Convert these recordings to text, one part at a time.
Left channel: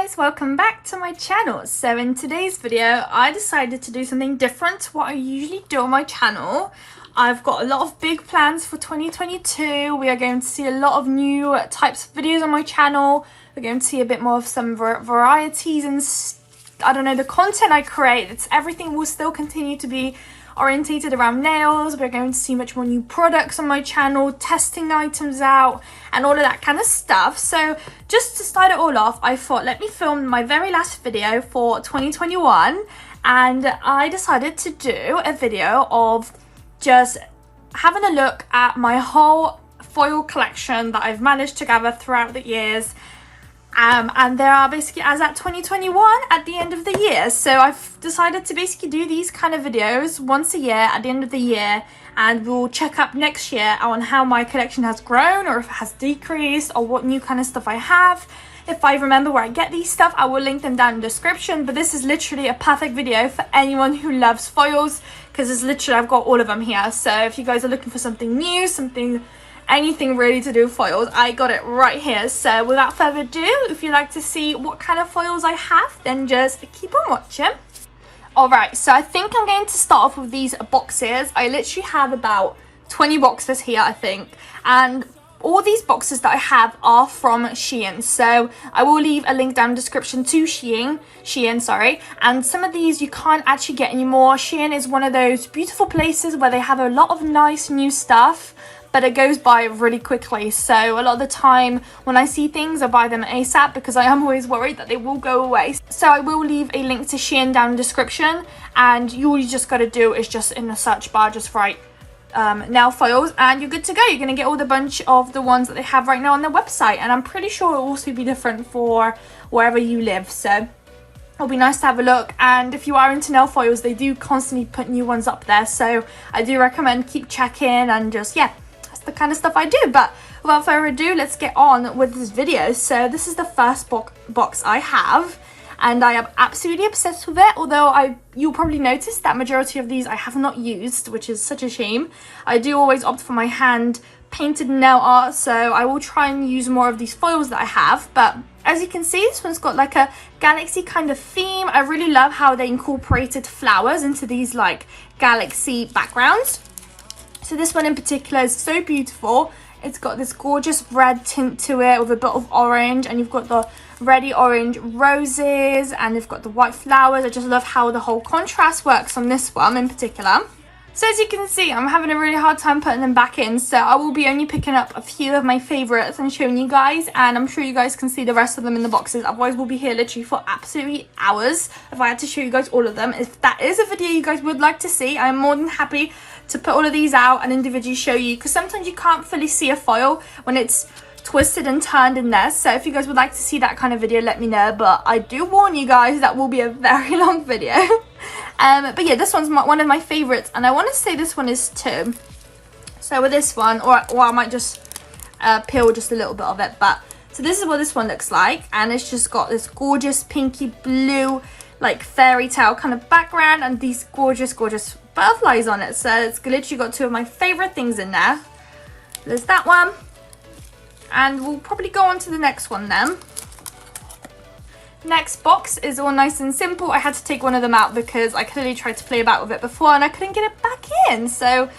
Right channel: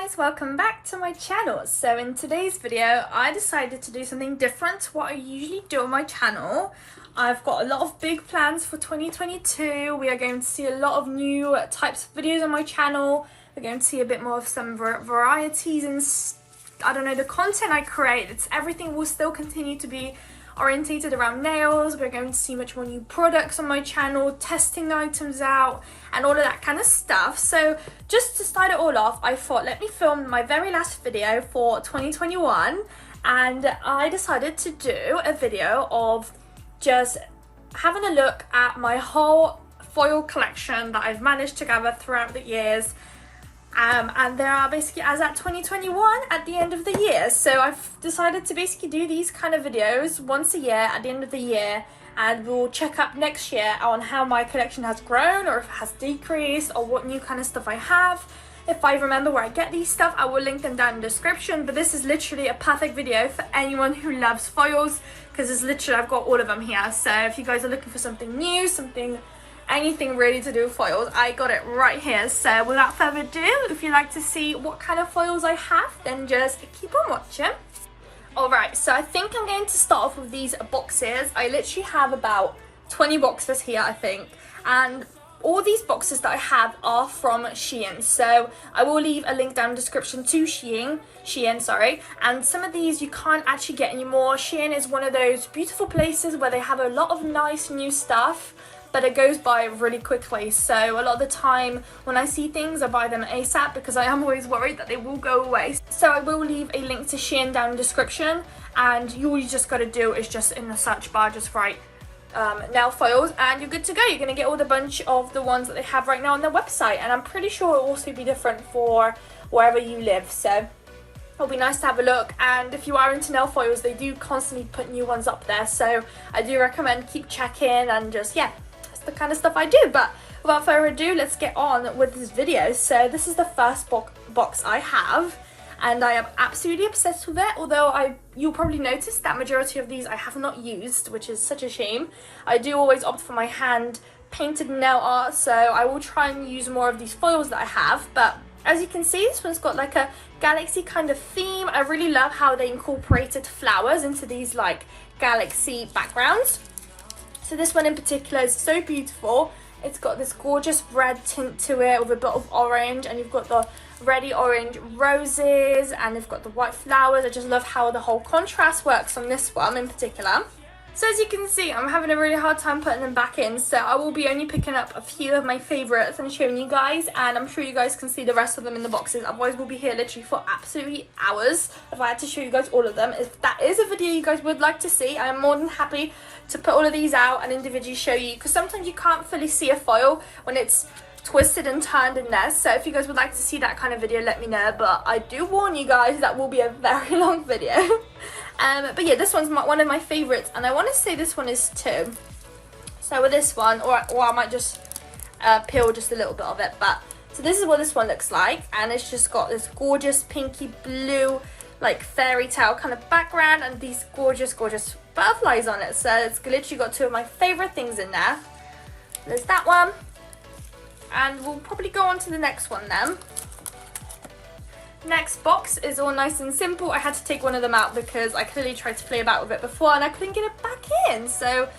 guys, welcome back to my channel. So in today's video I decided to do something different to what I usually do on my channel. I've got a lot of big plans for 2022. We are going to see a lot of new types of videos on my channel. We're going to see a bit more of some varieties and I don't know, the content I create. Everything will still continue to be orientated around nails. We're going to see much more new products on my channel, testing items out and all of that kind of stuff. So just to start it all off, I thought let me film my very last video for 2021, and I decided to do a video of just having a look at my whole foil collection that I've managed to gather throughout the years. And there are basically as at 2021 at the end of the year. So I've decided to basically do these kind of videos once a year at the end of the year, and we'll check up next year on how my collection has grown or if it has decreased or what new kind of stuff I have. If I remember where I get these stuff, I will link them down in the description, but this is literally a perfect video for anyone who loves foils because it's literally, I've got all of them here. So if you guys are looking for something new, anything really to do with foils, I got it right here. So without further ado, if you'd like to see what kind of foils I have, then just keep on watching. Alright, so I think I'm going to start off with these boxes. I literally have about 20 boxes here, I think, and all these boxes that I have are from Shein. So I will leave a link down in the description to Shein, sorry. And some of these you can't actually get anymore. Shein is one of those beautiful places where they have a lot of nice new stuff, but it goes by really quickly. So a lot of the time when I see things, I buy them ASAP because I am always worried that they will go away. So I will leave a link to Shein down in the description, and all you just got to do is just in the search bar just write nail foils and you're good to go. You're going to get all the bunch of the ones that they have right now on their website, and I'm pretty sure it will also be different for wherever you live. So it'll be nice to have a look, and if you are into nail foils, they do constantly put new ones up there, so I do recommend keep checking and just, yeah, the kind of stuff I do. But without further ado, let's get on with this video. So this is the first box I have, and I am absolutely obsessed with it, although you'll probably notice that majority of these I have not used, which is such a shame. I do always opt for my hand painted nail art, so I will try and use more of these foils that I have. But as you can see, this one's got like a galaxy kind of theme. I really love how they incorporated flowers into these like galaxy backgrounds. So this one in particular is so beautiful. It's got this gorgeous red tint to it with a bit of orange, and you've got the reddy orange roses, and you've got the white flowers. I just love how the whole contrast works on this one in particular. So as you can see, I'm having a really hard time putting them back in, so I will be only picking up a few of my favorites and showing you guys, and I'm sure you guys can see the rest of them in the boxes. Otherwise we'll be here literally for absolutely hours if I had to show you guys all of them. If that is a video you guys would like to see, I'm more than happy to put all of these out and individually show you, because sometimes you can't fully see a foil when it's twisted and turned in there. So if you guys would like to see that kind of video, let me know, but I do warn you guys that will be a very long video. But yeah, this one's one of my favorites, and I want to say this one is too. So with this one, or I might just peel just a little bit of it, but so this is what this one looks like, and it's just got this gorgeous pinky blue like fairy tale kind of background and these gorgeous butterflies on it. So it's literally got two of my favorite things in there. There's that one, and we'll probably go on to the next one then. Next box is all nice and simple. I had to take one of them out because I clearly tried to play about with it before and I couldn't get it back in. So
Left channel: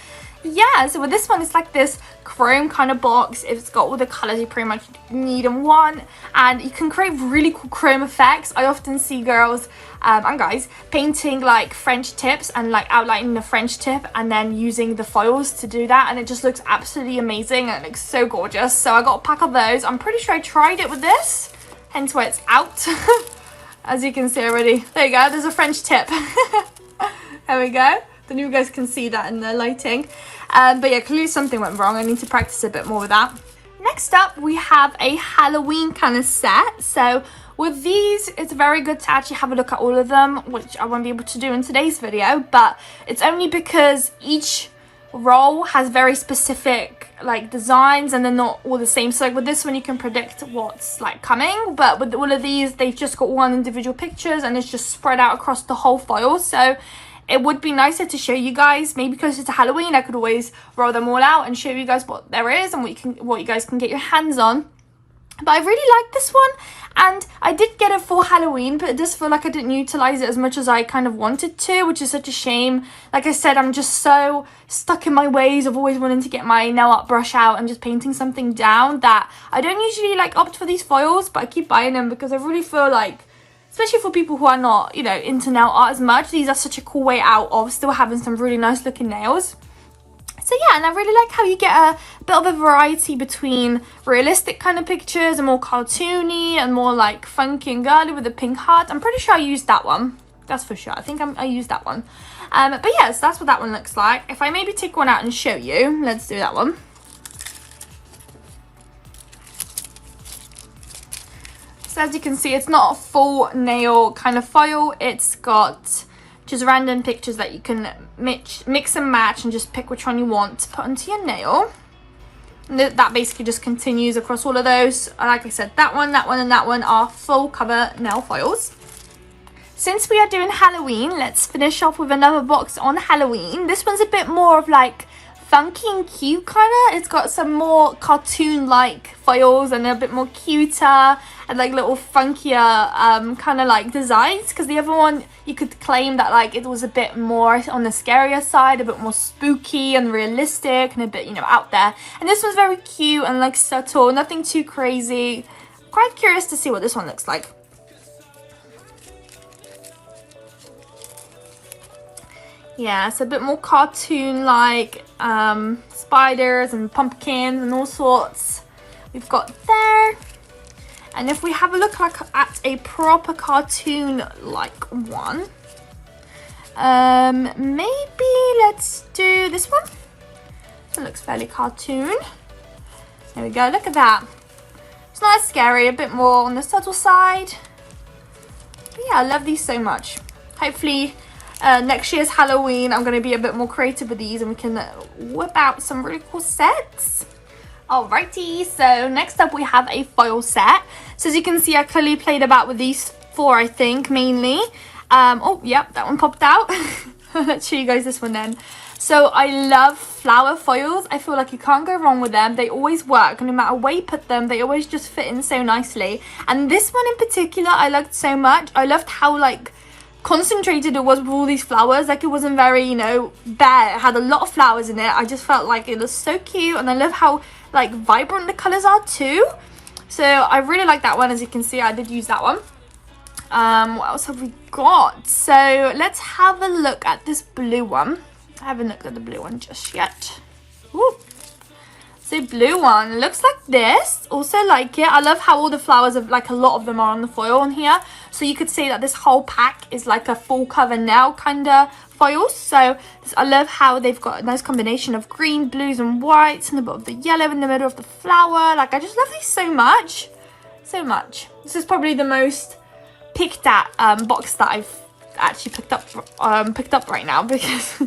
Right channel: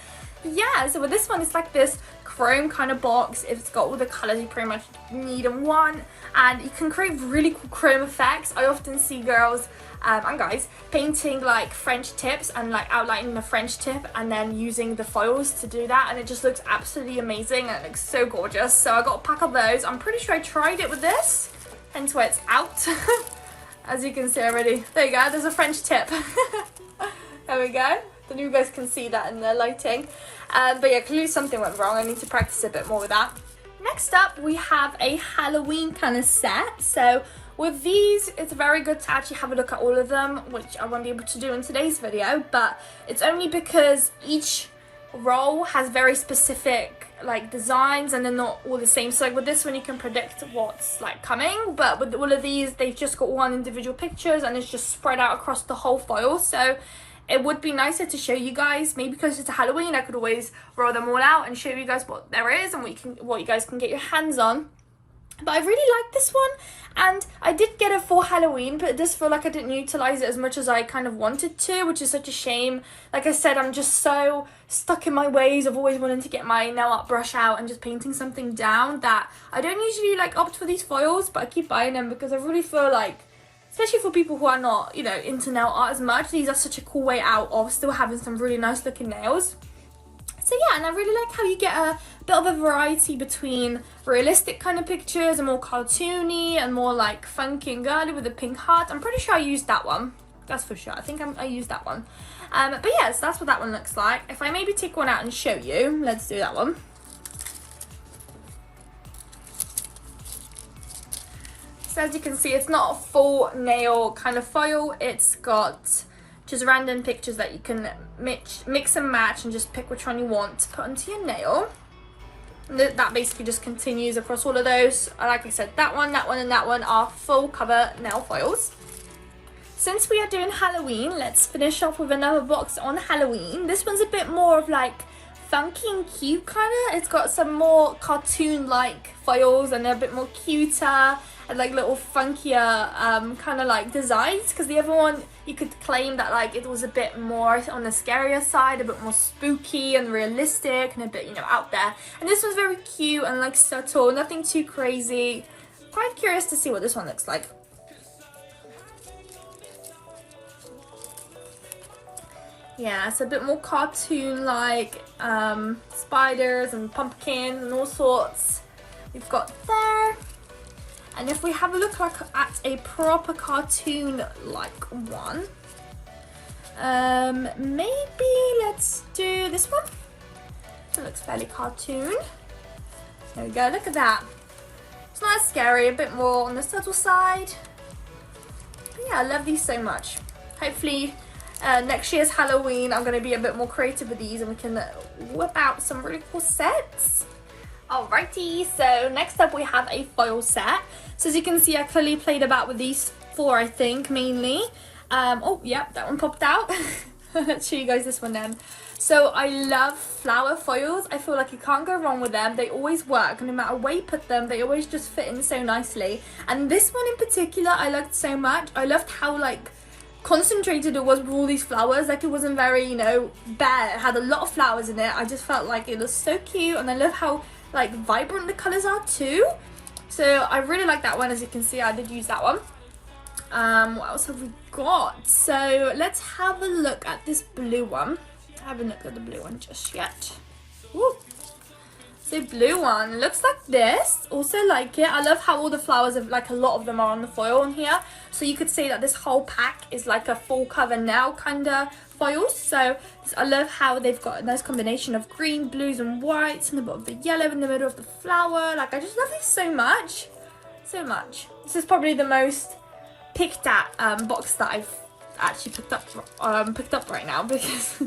yeah, so with this one, it's like this chrome kind of box. It's got all the colors you pretty much need and want, and you can create really cool chrome effects. I often see girls and guys painting like French tips and like outlining the French tip and then using the foils to do that, and it just looks absolutely amazing and it looks so gorgeous. So I got a pack of those. I'm pretty sure I tried it with this, hence why it's out. As you can see already, there you go, there's a French tip. There we go. Don't know if you guys can see that in the lighting, but yeah, clearly something went wrong. I need to practice a bit more with that. Next up, we have a Halloween kind of set. So with these, it's very good to actually have a look at all of them, which I won't be able to do in today's video, but it's only because each roll has very specific like designs and they're not all the same. So like with this one, you can predict what's like coming, but with all of these, they've just got one individual pictures and it's just spread out across the whole foil. So it would be nicer to show you guys, maybe closer to Halloween, I could always roll them all out and show you guys what there is and what you guys can get your hands on. But I really like this one, and I did get it for Halloween, but it does feel like I didn't utilize it as much as I kind of wanted to, which is such a shame. Like I said, I'm just so stuck in my ways of always wanting to get my nail art brush out and just painting something down that I don't usually like opt for these foils, but I keep buying them because I really feel like, especially for people who are not, you know, into nail art as much, these are such a cool way out of still having some really nice looking nails. So yeah, and I really like how you get a bit of a variety between realistic kind of pictures and more cartoony and more like funky and girly with a pink heart. I'm pretty sure I used that one. That's for sure. I think I used that one. But yeah, so that's what that one looks like. If I maybe take one out and show you, let's do that one. So as you can see, it's not a full nail kind of foil. It's got just random pictures that you can mix and match and just pick which one you want to put onto your nail. And that basically just continues across all of those. Like I said, that one, and that one are full cover nail foils. Since we are doing Halloween, let's finish off with another box on Halloween. This one's a bit more of like funky and cute kind of. It's got some more cartoon-like foils and a bit more cuter and like little funkier kind of like designs, because the other one you could claim that like it was a bit more on the scarier side, a bit more spooky and realistic and a bit, you know, out there. And this one's very cute and like subtle, nothing too crazy. Quite curious to see what this one looks like. Yeah, it's a bit more cartoon-like, spiders and pumpkins and all sorts we've got there. And if we have a look like at a proper cartoon-like one, maybe let's do this one. It looks fairly cartoon. There we go, look at that. It's not as scary, a bit more on the subtle side. But yeah, I love these so much. Hopefully, next year's Halloween, I'm going to be a bit more creative with these and we can whip out some really cool sets. Alrighty, so next up we have a foil set. So as you can see, I clearly played about with these four, I think, mainly. Oh, yep, that one popped out. Let's show you guys this one then. So I love flower foils. I feel like you can't go wrong with them. They always work. No matter where you put them, they always just fit in so nicely. And this one in particular, I loved so much. I loved how, like, concentrated it was with all these flowers. Like, it wasn't very, you know, bare. It had a lot of flowers in it. I just felt like it was so cute, and I love how like vibrant the colors are too. So I really like that one. As you can see, I did use that one. What else have we got? So let's have a look at this blue one. I haven't looked at the blue one just yet. Ooh. So blue one looks like this. Also like it. I love how all the flowers of like a lot of them are on the foil on here. So you could say that this whole pack is like a full cover nail kind of foils. So I love how they've got a nice combination of green, blues and whites and a bit of the yellow in the middle of the flower. Like, I just love these so much. So much. This is probably the most picked at box that I've actually picked up right now, because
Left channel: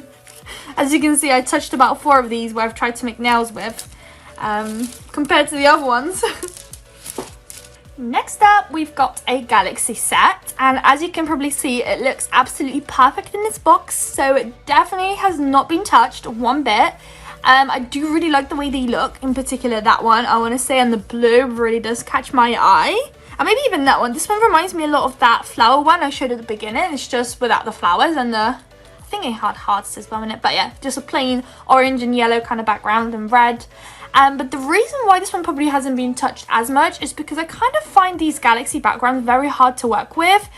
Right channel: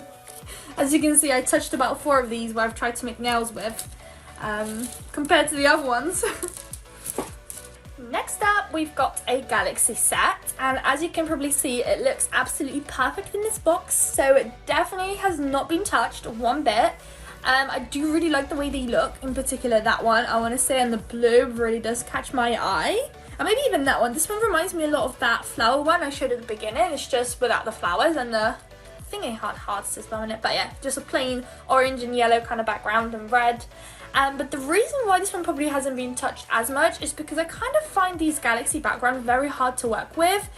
as you can see, I touched about 4 of these where I've tried to make nails with, compared to the other ones. Next up, we've got a galaxy set, and as you can probably see, it looks absolutely perfect in this box, so it definitely has not been touched one bit. I do really like the way they look, in particular that one, I want to say, and the blue really does catch my eye. And maybe even that one. This one reminds me a lot of that flower one I showed at the beginning. It's just without the flowers and the, I think it had hearts as well in it, but yeah, just a plain orange and yellow kind of background and red. But the reason why this one probably hasn't been touched as much is because I kind of find these galaxy backgrounds very hard to work with,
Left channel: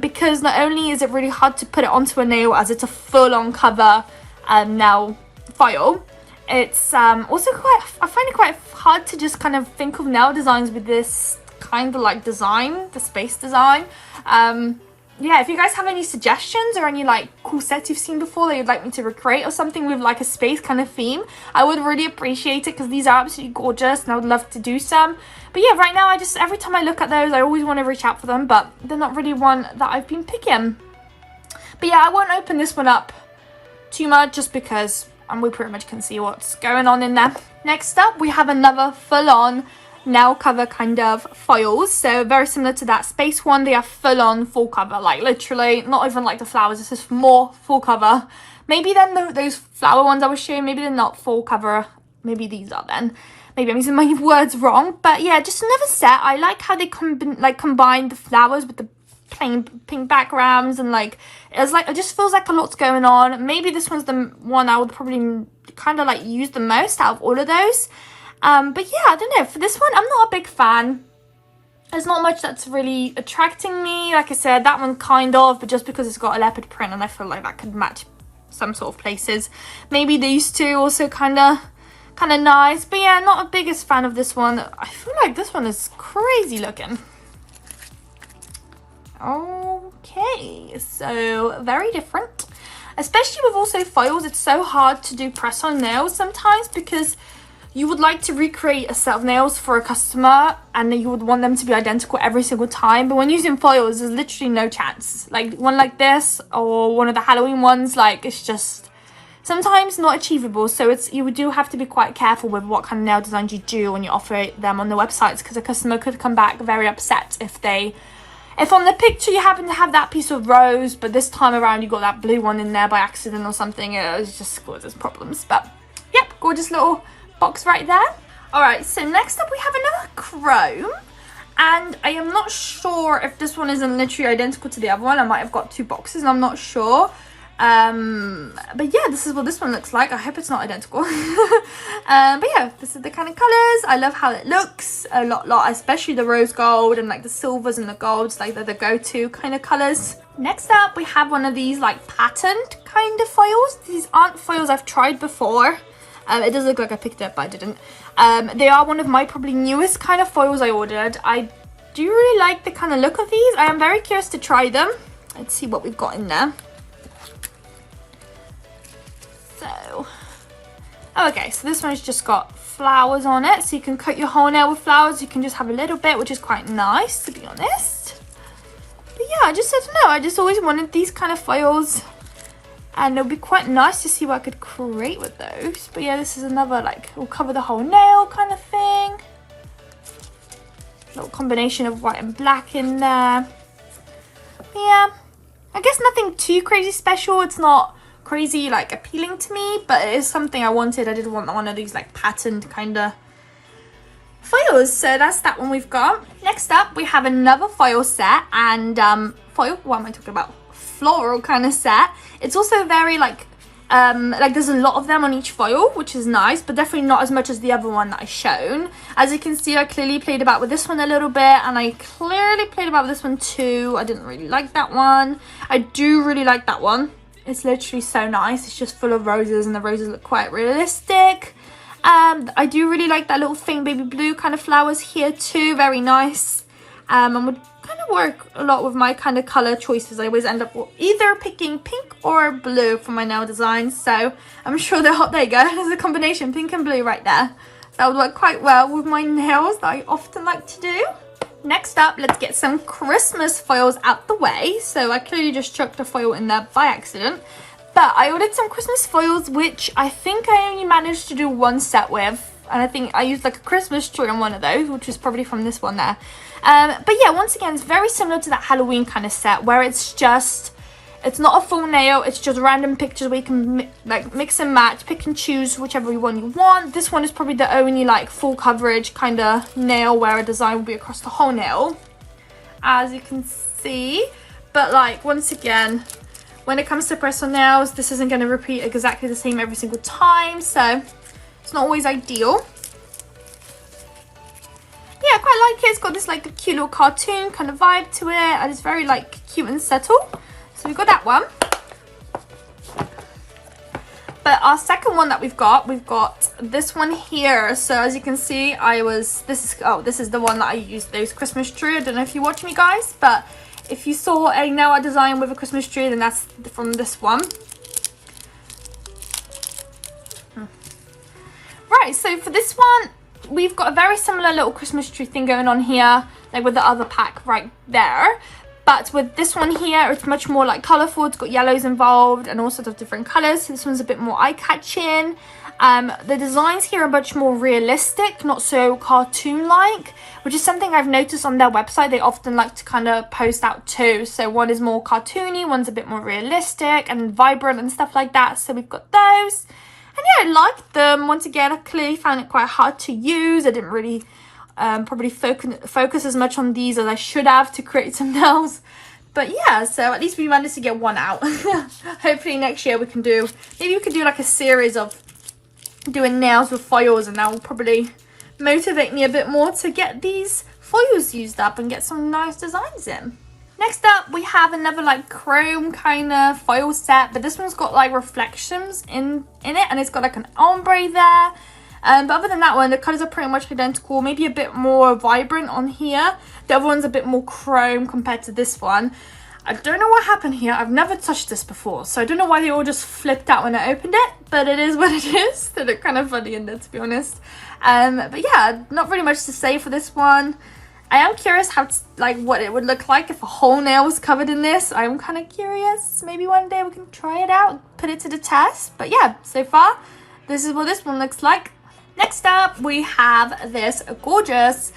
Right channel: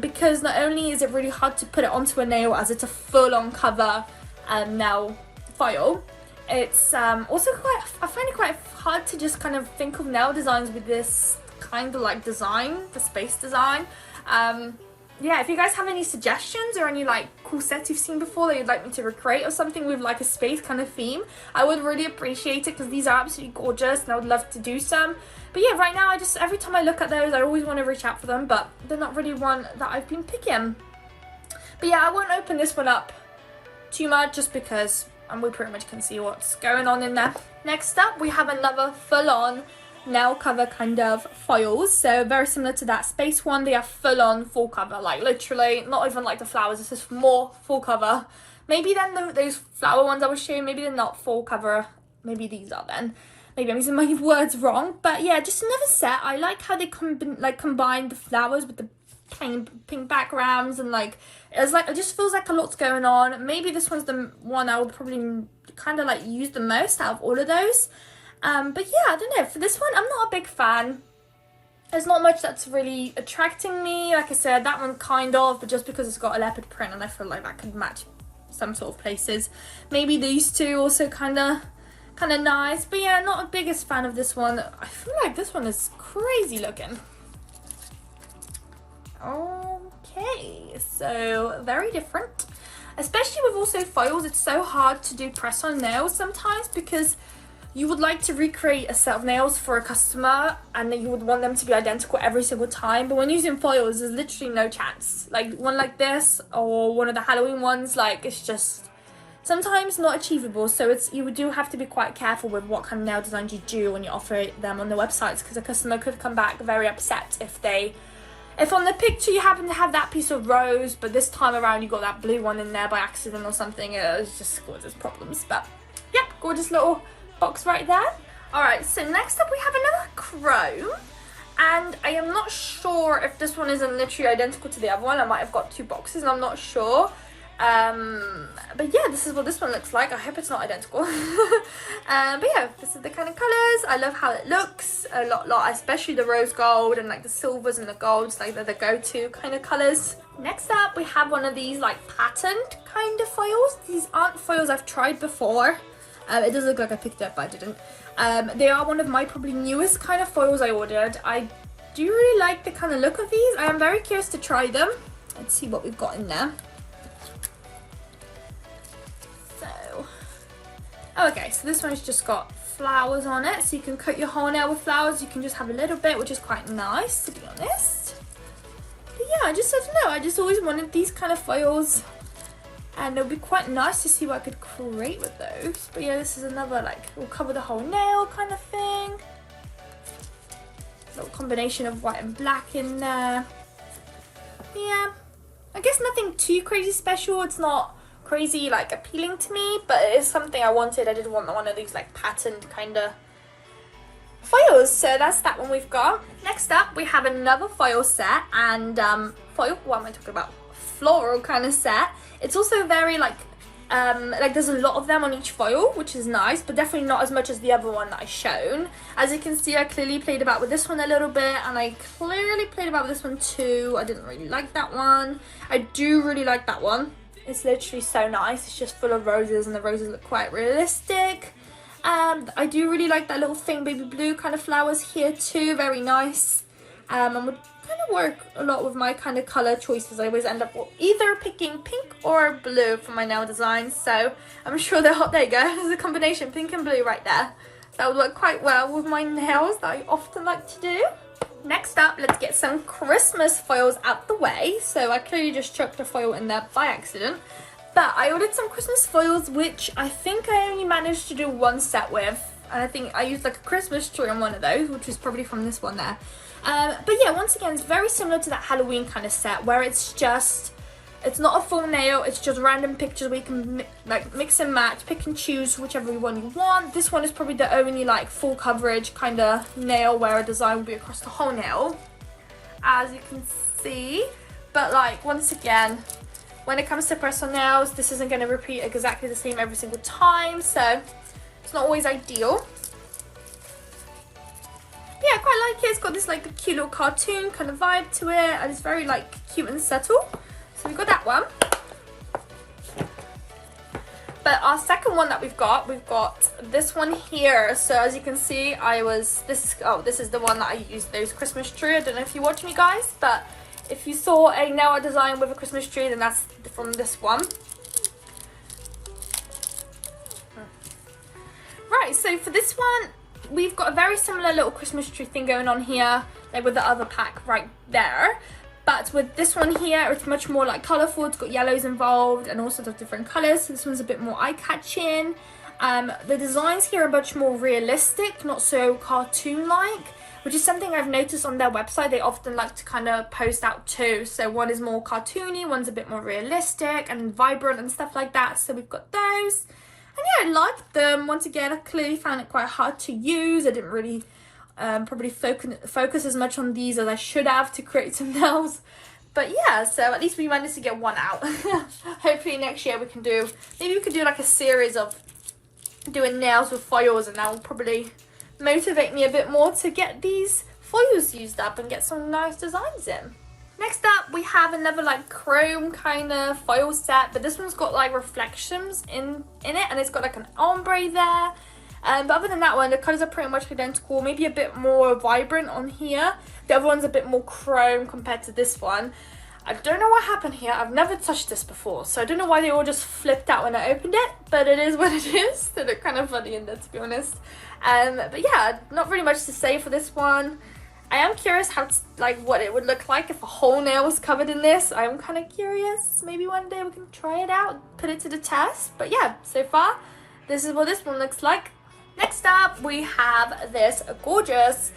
because not only is it really hard to put it onto a nail as it's a full-on cover nail foil, it's also I find it quite hard to just kind of think of nail designs with this kind of like design, the space design. Yeah, if you guys have any suggestions or any like cool sets you've seen before that you'd like me to recreate or something with like a space kind of theme, I would really appreciate it, because these are absolutely gorgeous and I would love to do some. But yeah, right now every time I look at those, I always want to reach out for them, but they're not really one that I've been picking. But yeah, I won't open this one up too much just because we pretty much can see what's going on in there. Next up, we have another full-on nail cover kind of foils, so very similar to that space one. They are full cover, like literally not even like the flowers, it's just more full cover. Maybe then those flower ones I was showing, maybe they're not full cover, maybe these are then. Maybe I'm using my words wrong, but yeah, just another set. I like how they combine the flowers with the plain pink backgrounds, and like it just feels like a lot's going on. Maybe this one's the one I would probably kind of like use the most out of all of those. But yeah, I don't know. For this one, I'm not a big fan. There's not much that's really attracting me. Like I said, that one kind of, but just because it's got a leopard print and I feel like that could match some sort of places. Maybe these two also kind of nice. But yeah, not a biggest fan of this one. I feel like this one is crazy looking. Okay, so very different. Especially with also foils, it's so hard to do press on nails sometimes because you would like to recreate a set of nails for a customer and then you would want them to be identical every single time. But when using foils, there's literally no chance. Like one like this or one of the Halloween ones, like it's just sometimes not achievable. So you do have to be quite careful with what kind of nail designs you do when you offer them on the websites, because a customer could come back very upset if on the picture you happen to have that piece of rose, but this time around you got that blue one in there by accident or something. It just causes problems. But yep, gorgeous little box right there. All right, so next up we have another chrome, and I am not sure if this one isn't literally identical to the other one. I might have got two boxes and I'm not sure. But yeah, this is what this one looks like. I hope it's not identical. But yeah, this is the kind of colors. I love how it looks a lot, especially the rose gold and like the silvers and the golds, like they're the go-to kind of colors. Next up, we have one of these like patterned kind of foils. These aren't foils I've tried before. It does look like I picked it up, but I didn't. They are one of my probably newest kind of foils I ordered. I do really like the kind of look of these. I am very curious to try them. Let's see what we've got in there. Okay, so this one's just got flowers on it, so you can cut your whole nail with flowers. You can just have a little bit, which is quite nice, to be honest. But yeah, I don't know, I just always wanted these kind of foils, and it would be quite nice to see what I could create with those. But yeah, this is another, like, will cover the whole nail kind of thing. Little combination of white and black in there. But yeah, I guess nothing too crazy special. It's not crazy like appealing to me, but it is something I wanted. I did want one of these like patterned kind of foils, so that's that one we've got. Next up we have another foil set, and what am I talking about, floral kind of set. It's also very like there's a lot of them on each foil, which is nice, but definitely not as much as the other one that I shown. As you can see, I clearly played about with this one a little bit, and I clearly played about with this one too. I didn't really like that one. I do really like that one. It's literally so nice. It's just full of roses, and the roses look quite realistic. I do really like that little faint baby blue kind of flowers here too. Very nice. And would kind of work a lot with my kind of color choices. I always end up either picking pink or blue for my nail designs. So I'm sure there you go. There's a combination, pink and blue right there. That would work quite well with my nails that I often like to do. Next up, let's get some Christmas foils out the way. So I clearly just chucked a foil in there by accident. But I ordered some Christmas foils, which I think I only managed to do one set with. And I think I used like a Christmas tree on one of those, which is probably from this one there. But yeah, once again, it's very similar to that Halloween kind of set where it's not a full nail, it's just random pictures where you can like mix and match, pick and choose whichever one you want. This one is probably the only like full coverage kind of nail where a design will be across the whole nail, as you can see. But like, once again, when it comes to press on nails, this isn't going to repeat exactly the same every single time, so it's not always ideal. Yeah, I quite like it. It's got this like cute little cartoon kind of vibe to it, and it's very like cute and subtle. So we've got that one. But our second one that we've got this one here. So as you can see, this is the one that I used, those Christmas tree. I don't know if you watch me, guys, but if you saw a nail art design with a Christmas tree, then that's from this one. Right, so for this one, we've got a very similar little Christmas tree thing going on here, like with the other pack right there. But with this one here, it's much more like colourful. It's got yellows involved and all sorts of different colours. So this one's a bit more eye-catching. The designs here are much more realistic, not so cartoon-like, which is something I've noticed on their website. They often like to kind of post out too. So one is more cartoony, one's a bit more realistic and vibrant and stuff like that. So we've got those. yeah, I liked them. Once again, I clearly found it quite hard to use. I didn't really probably focus as much on these as I should have to create some nails. But yeah, so at least we managed to get one out. Hopefully next year we can do, maybe we could do like a series of doing nails with foils, and that will probably motivate me a bit more to get these foils used up and get some nice designs in. Next up, we have another like chrome kind of foil set, but this one's got like reflections in it, and it's got like an ombre there. But other than that one, the colours are pretty much identical, maybe a bit more vibrant on here. The other one's a bit more chrome compared to this one. I don't know what happened here. I've never touched this before, so I don't know why they all just flipped out when I opened it, but it is what it is. They look kind of funny in there, to be honest. But yeah, not really much to say for this one. I am curious how what it would look like if a whole nail was covered in this. I'm kind of curious. Maybe one day we can try it out, put it to the test. But yeah, so far, this is what this one looks like. Next up, we have this gorgeous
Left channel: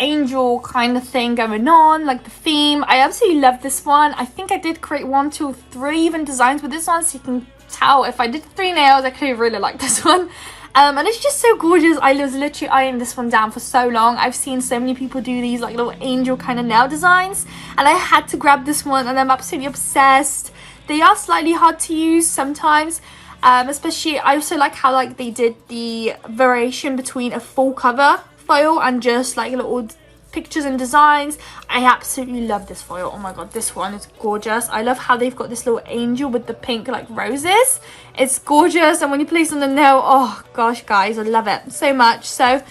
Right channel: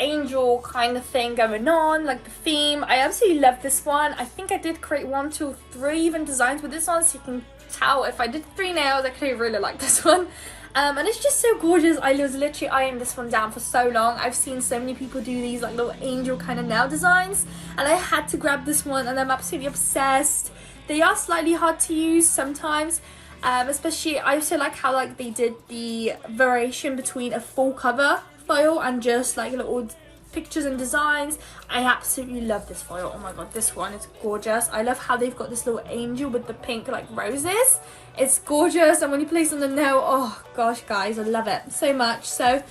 angel kind of thing going on, like the theme. I absolutely love this one. I think I did create 1, 2, 3 even designs with this one, so you can tell if I did 3 nails, I clearly really like this one. And it's just so gorgeous. I was literally eyeing this one down for so long. I've seen so many people do these like little angel kind of nail designs, and I had to grab this one, and I'm absolutely obsessed. They are slightly hard to use sometimes. Especially, I also like how like they did the variation between a full cover foil and just like little pictures and designs. I absolutely love this foil. Oh my god, this one is gorgeous. I love how they've got this little angel with the pink like roses. It's gorgeous, and when you place on the nail, oh gosh guys, I love it so much. So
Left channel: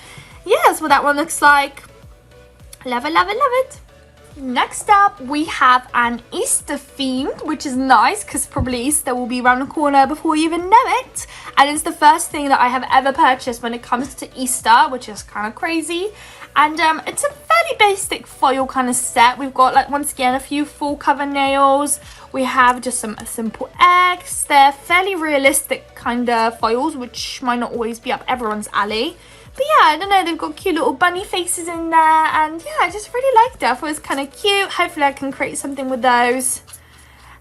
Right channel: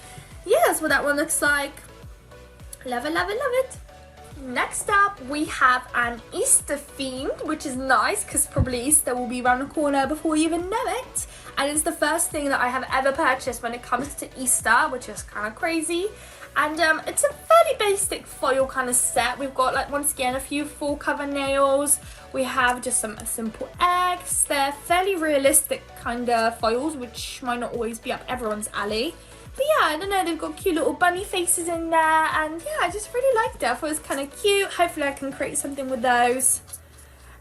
yeah, that's what that one looks like. Love it, love it, love it. Next up, we have an Easter themed, which is nice because probably Easter will be around the corner before you even know it. And it's the first thing that I have ever purchased when it comes to Easter, which is kind of crazy. And it's a fairly basic foil kind of set. We've got, like, once again, a few full cover nails. We have just some simple eggs. They're fairly realistic kind of foils, which might not always be up everyone's alley. But yeah, I don't know, they've got cute little bunny faces in there, and yeah, I just really liked it. I thought it was kind of cute. Hopefully I can create something with those.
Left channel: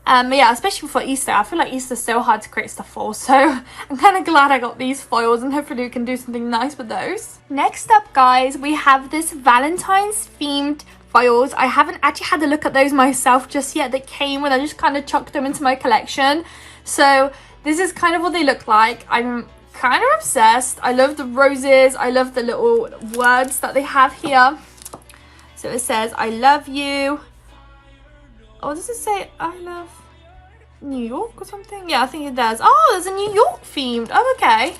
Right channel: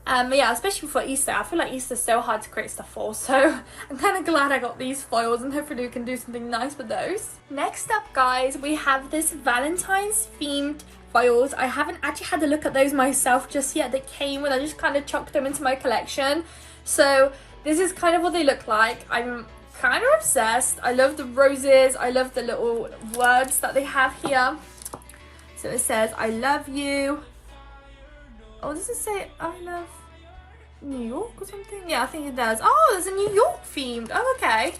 But yeah, especially for Easter. I feel like Easter's so hard to create stuff for, so I'm kind of glad I got these foils, and hopefully we can do something nice with those. Next up, guys, we have this Valentine's themed foils. I haven't actually had a look at those myself just yet. They came and I just kind of chucked them into my collection. So this is kind of what they look like. I'm kind of obsessed. I love the roses. I love the little words that they have here. So it says, I love you. Oh, does it say I love New York or something? Yeah, I think it does. Oh, there's a New York themed. Oh, okay.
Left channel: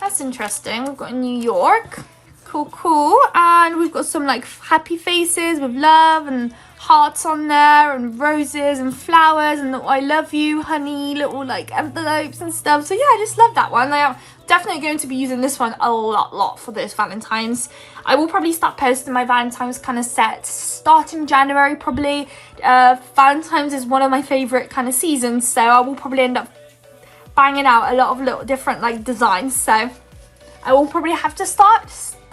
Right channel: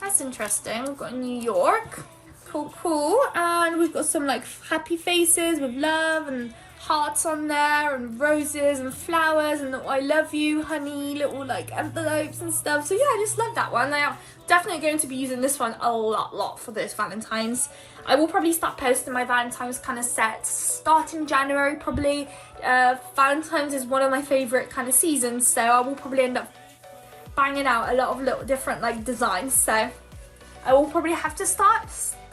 That's interesting. We've got New York. Cool, cool. And we've got some like happy faces with love and hearts on there, and roses and flowers, and I love you honey little like envelopes and stuff. So yeah, I just love that one. I am definitely going to be using this one a lot for this Valentine's. I will probably start posting my Valentine's kind of sets starting January probably. Valentine's is one of my favorite kind of seasons, so I will probably end up banging out a lot of little different like designs. So I will probably have to start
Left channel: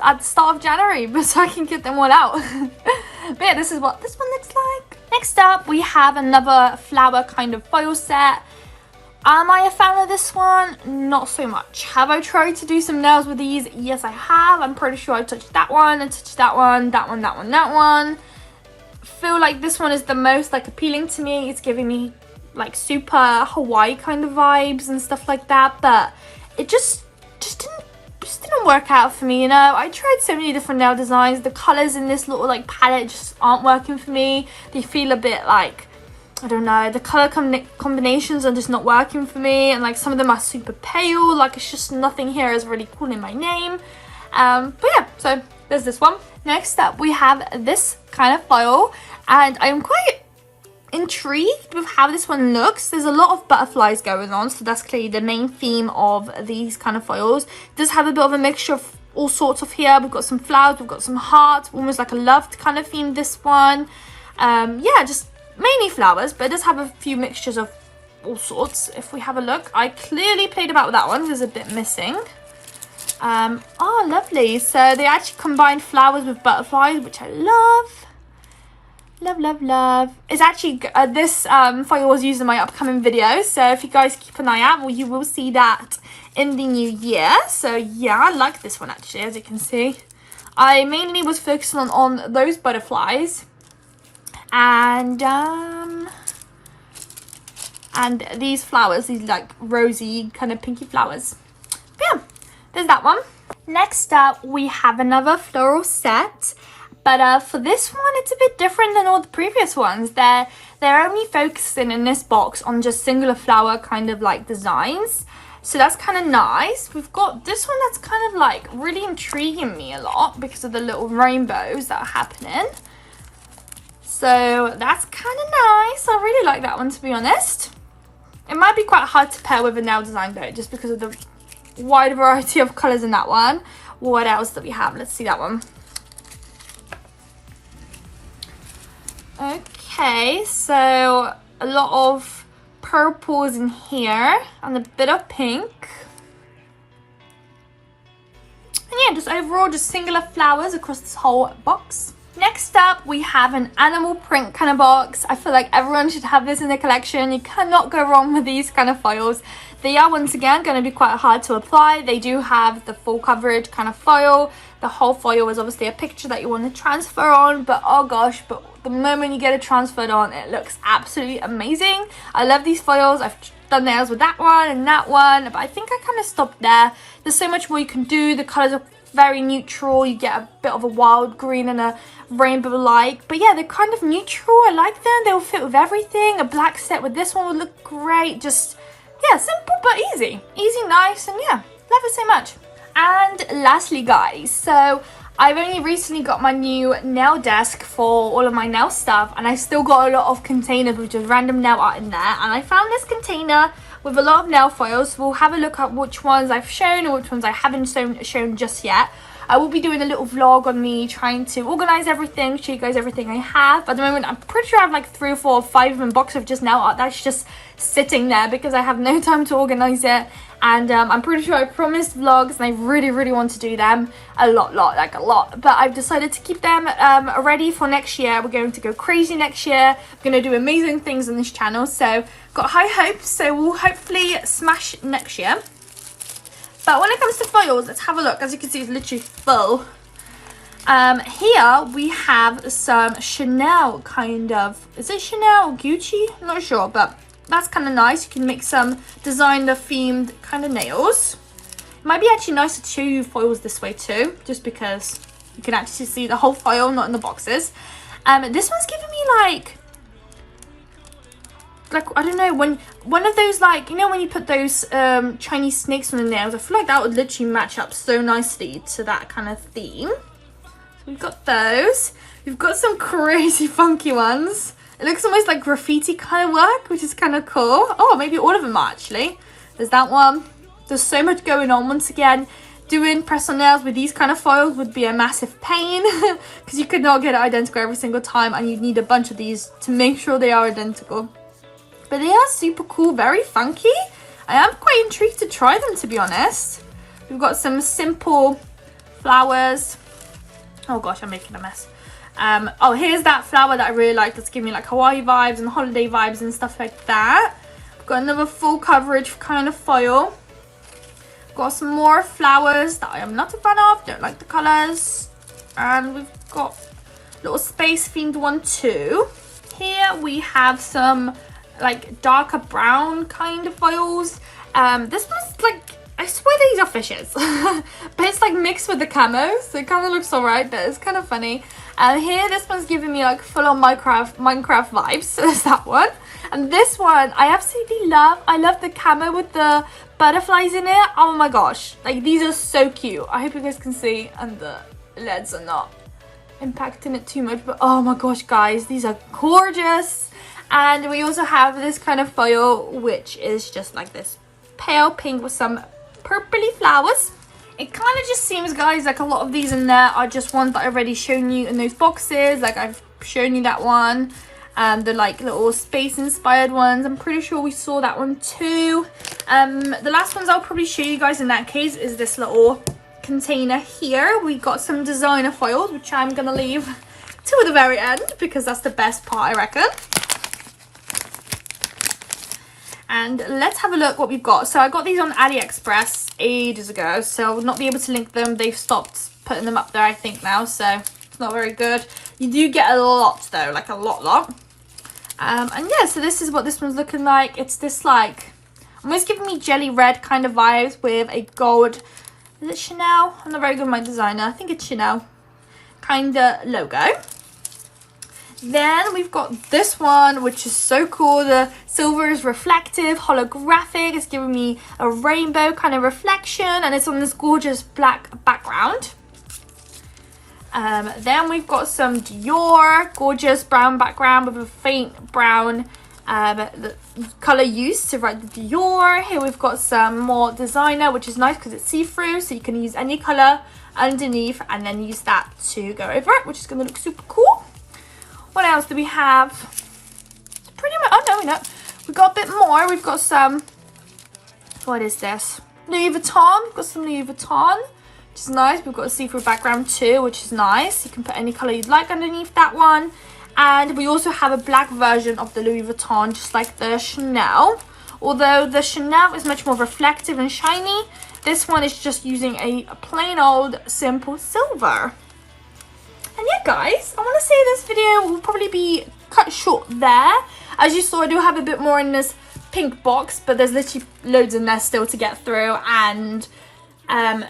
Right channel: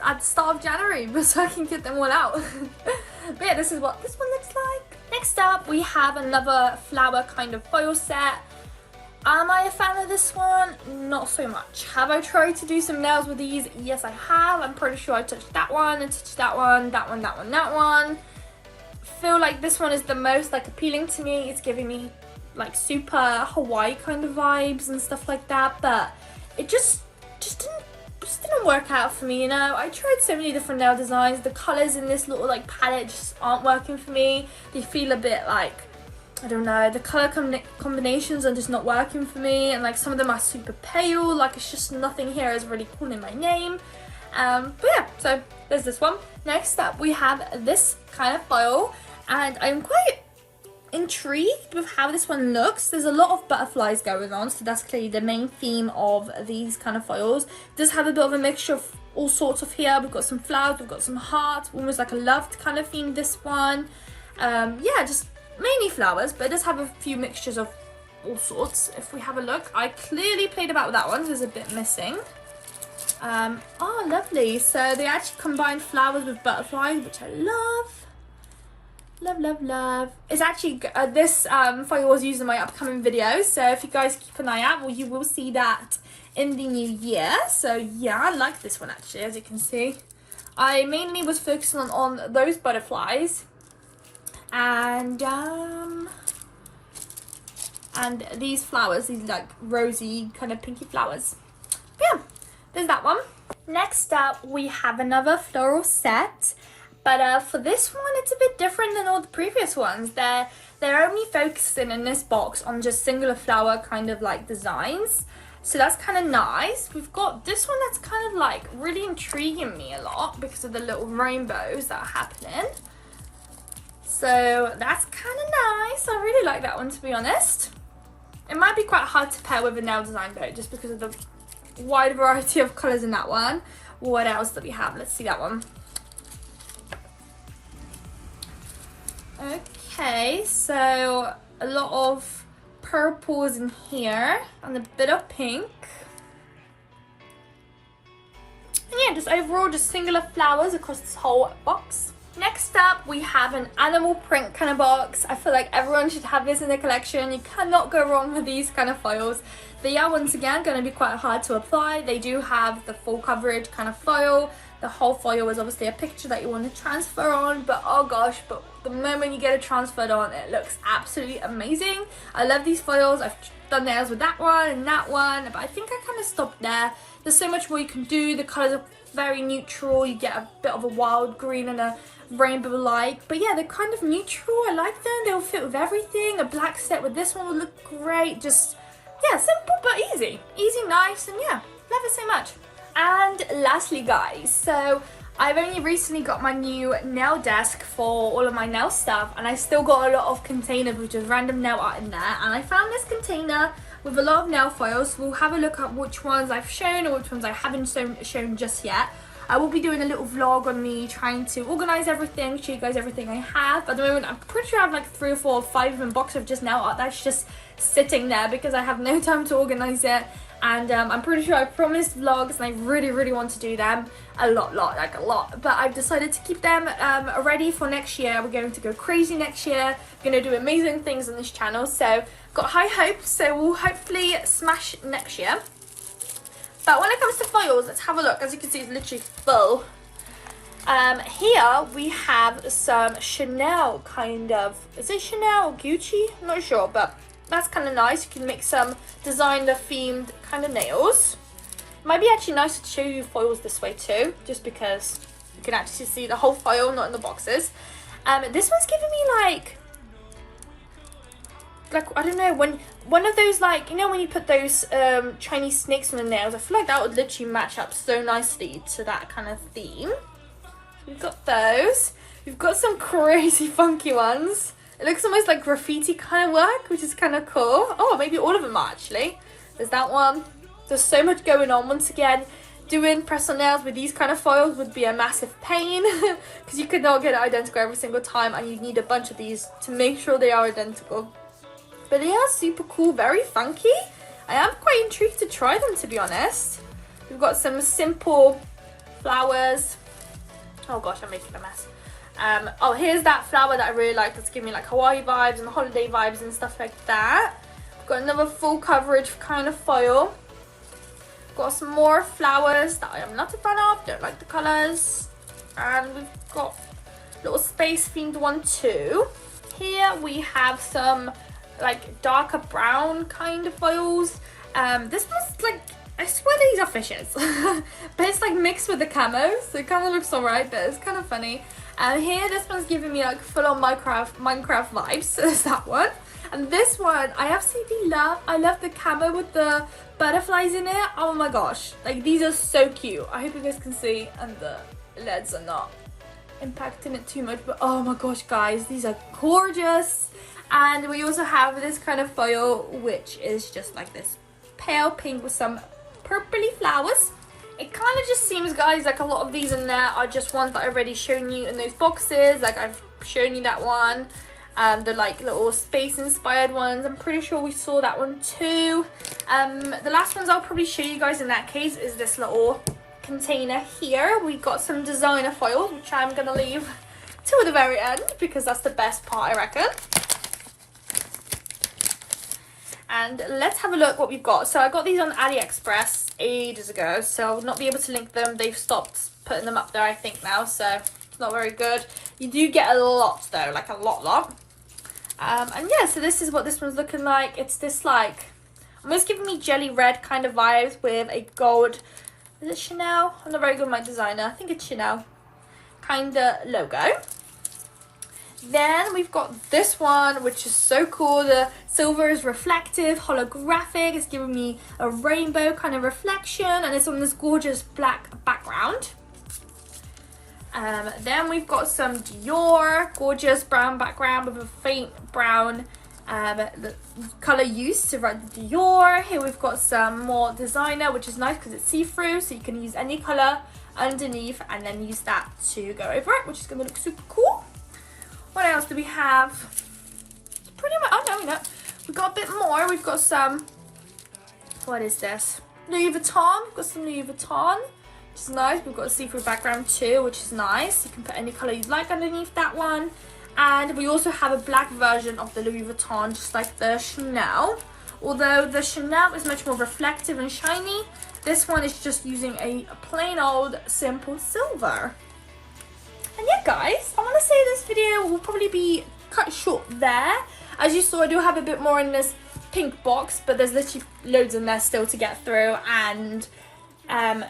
at the start of January, but so I can get them all out. But yeah, this is what this one looks like. Next up, we have another flower kind of foil set. Am I a fan of this one? Not so much. Have I tried to do some nails with these? Yes, I have. I'm pretty sure I touched that one, and touched that one, that one, that one, that one. Feel like this one is the most like appealing to me. It's giving me like super Hawaii kind of vibes and stuff like that, but it just didn't work out for me, you know. I tried so many different nail designs. The colors in this little like palette just aren't working for me. They feel a bit like, I don't know, the color combinations are just not working for me, and like some of them are super pale. Like it's just nothing here is really calling my name. But yeah, so there's this one. Next up, we have this kind of foil, and I'm quite intrigued with how this one looks. There's a lot of butterflies going on, so that's clearly the main theme of these kind of foils. It does have a bit of a mixture of all sorts of here. We've got some flowers, we've got some hearts, almost like a loved kind of theme, this one. Yeah, just mainly flowers, but it does have a few mixtures of all sorts. If we have a look, I clearly played about with that one. There's a bit missing. Oh, lovely. So they actually combined flowers with butterflies, which I love. Love, love, love. It's actually, this foil was used in my upcoming video. So if you guys keep an eye out, well, you will see that in the new year. So yeah, I like this one actually, as you can see. I mainly was focusing on those butterflies. And these flowers, these like rosy kind of pinky flowers. But yeah, there's that one. Next up, we have another floral set. But for this one, it's a bit different than all the previous ones. They're only focusing in this box on just singular flower kind of like designs. So that's kind of nice. We've got this one that's kind of like really intriguing me a lot because of the little rainbows that are happening. So that's kind of nice. I really like that one, to be honest. It might be quite hard to pair with a nail design though, just because of the wide variety of colours in that one. What else do we have? Let's see that one. Okay, so a lot of purples in here and a bit of pink. And yeah, just overall just singular flowers across this whole box. Next up, we have an animal print kind of box. I feel like everyone should have this in their collection. You cannot go wrong with these kind of foils. They are, once again, going to be quite hard to apply. They do have the full coverage kind of foil. The whole foil is obviously a picture that you want to transfer on, but oh gosh, but the moment you get it transferred on, it looks absolutely amazing. I love these foils. I've done nails with that one and that one, but I think I kind of stopped there. There's so much more you can do. The colors are very neutral. You get a bit of a wild green and a rainbow-like, but yeah, they're kind of neutral. I like them. They will fit with everything. A black set with this one would look great. Just, yeah, simple but easy. Easy, nice, and yeah, love it so much. And lastly, guys, so I've only recently got my new nail desk for all of my nail stuff, and I still got a lot of containers with just random nail art in there, and I found this container with a lot of nail foils. We'll have a look at which ones I've shown or which ones I haven't shown just yet. I will be doing a little vlog on me trying to organize everything, show you guys everything I have. At the moment, I'm pretty sure I have like 3 or 4 or 5 in box of just nail art that's just sitting there because I have no time to organize it. And I'm pretty sure I promised vlogs and I really, really want to do them a lot. But I've decided to keep them ready for next year. We're going to go crazy next year. We're going to do amazing things on this channel. So got high hopes. So we'll hopefully smash next year. But when it comes to foils, let's have a look. As you can see, it's literally full. Here we have some Chanel kind of, is it Chanel or Gucci? I'm not sure, but that's kind of nice. You can make some designer themed kind of nails. It might be actually nice to show you foils this way too, just because you can actually see the whole foil, not in the boxes. This one's giving me like I don't know, when one of those, like, you know, when you put those Chinese snakes on the nails, I feel like that would literally match up so nicely to that kind of theme. So we've got those. We've got some crazy funky ones. It looks almost like graffiti kind of work, which is kind of cool. Oh, maybe all of them are actually. There's that one. There's so much going on. Once again, doing press-on nails with these kind of foils would be a massive pain because you could not get it identical every single time, and you'd need a bunch of these to make sure they are identical. But they are super cool, very funky. I am quite intrigued to try them, to be honest. We've got some simple flowers. Oh gosh, I'm making a mess. Oh, here's that flower that I really like. That's giving me like Hawaii vibes and holiday vibes and stuff like that. We've got another full coverage kind of foil. Got some more flowers that I am not a fan of. Don't like the colours. And we've got a little space themed one too. Here we have some like darker brown kind of foils. This one's like, I swear these are fishes. But it's like mixed with the camo, so it kind of looks alright, but it's kind of funny. And here, this one's giving me like full-on Minecraft vibes, so there's that one. And this one, I absolutely love. I love the camo with the butterflies in it. Oh my gosh, like these are so cute. I hope you guys can see, and the LEDs are not impacting it too much, but oh my gosh, guys, these are gorgeous. And we also have this kind of foil, which is just like this pale pink with some purpley flowers. It kind of just seems, guys, like a lot of these in there are just ones that I've already shown you in those boxes. Like I've shown you that one, and the like little space inspired ones. I'm pretty sure we saw that one too. The last ones I'll probably show you guys in that case is this little container here. We got some designer foils, which I'm gonna leave till the very end because that's the best part, I reckon. And let's have a look what we've got. So I got these on AliExpress ages ago, so I will not be able to link them. They've stopped putting them up there, I think, now, so it's not very good. You do get a lot though, like a lot. And yeah, so this is what this one's looking like. It's this like, almost giving me jelly red kind of vibes with a gold, is it Chanel? I'm not very good with my designer. I think it's Chanel kind of logo. Then we've got this one, which is so cool. The silver is reflective, holographic. It's giving me a rainbow kind of reflection, and it's on this gorgeous black background. Then we've got some Dior, gorgeous brown background with a faint brown the color used to write the Dior. Here we've got some more designer, which is nice because it's see-through, so you can use any color underneath and then use that to go over it, which is going to look super cool. What else do we have? Pretty much, oh no, we've got a bit more. We've got some, what is this? Louis Vuitton. We've got some Louis Vuitton, which is nice. We've got a see-through background too, which is nice. You can put any color you'd like underneath that one. And we also have a black version of the Louis Vuitton, just like the Chanel. Although the Chanel is much more reflective and shiny, this one is just using a plain old simple silver. And yeah, guys, I want to say this video will probably be cut short there. As you saw, I do have a bit more in this pink box, but there's literally loads in there still to get through. And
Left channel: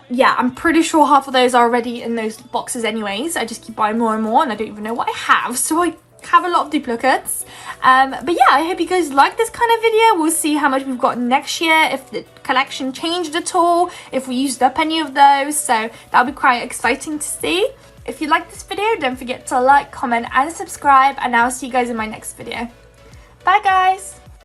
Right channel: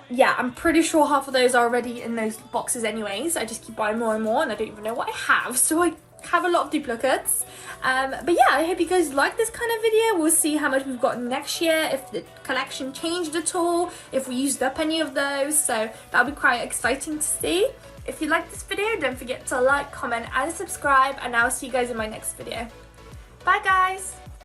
yeah, I'm pretty sure half of those are already in those boxes anyways. I just keep buying more and more, and I don't even know what I have. So I have a lot of duplicates. But yeah, I hope you guys like this kind of video. We'll see how much we've got next year, if the collection changed at all, if we used up any of those. So that'll be quite exciting to see. If you like this video, don't forget to like, comment, and subscribe, and I'll see you guys in my next video. Bye, guys!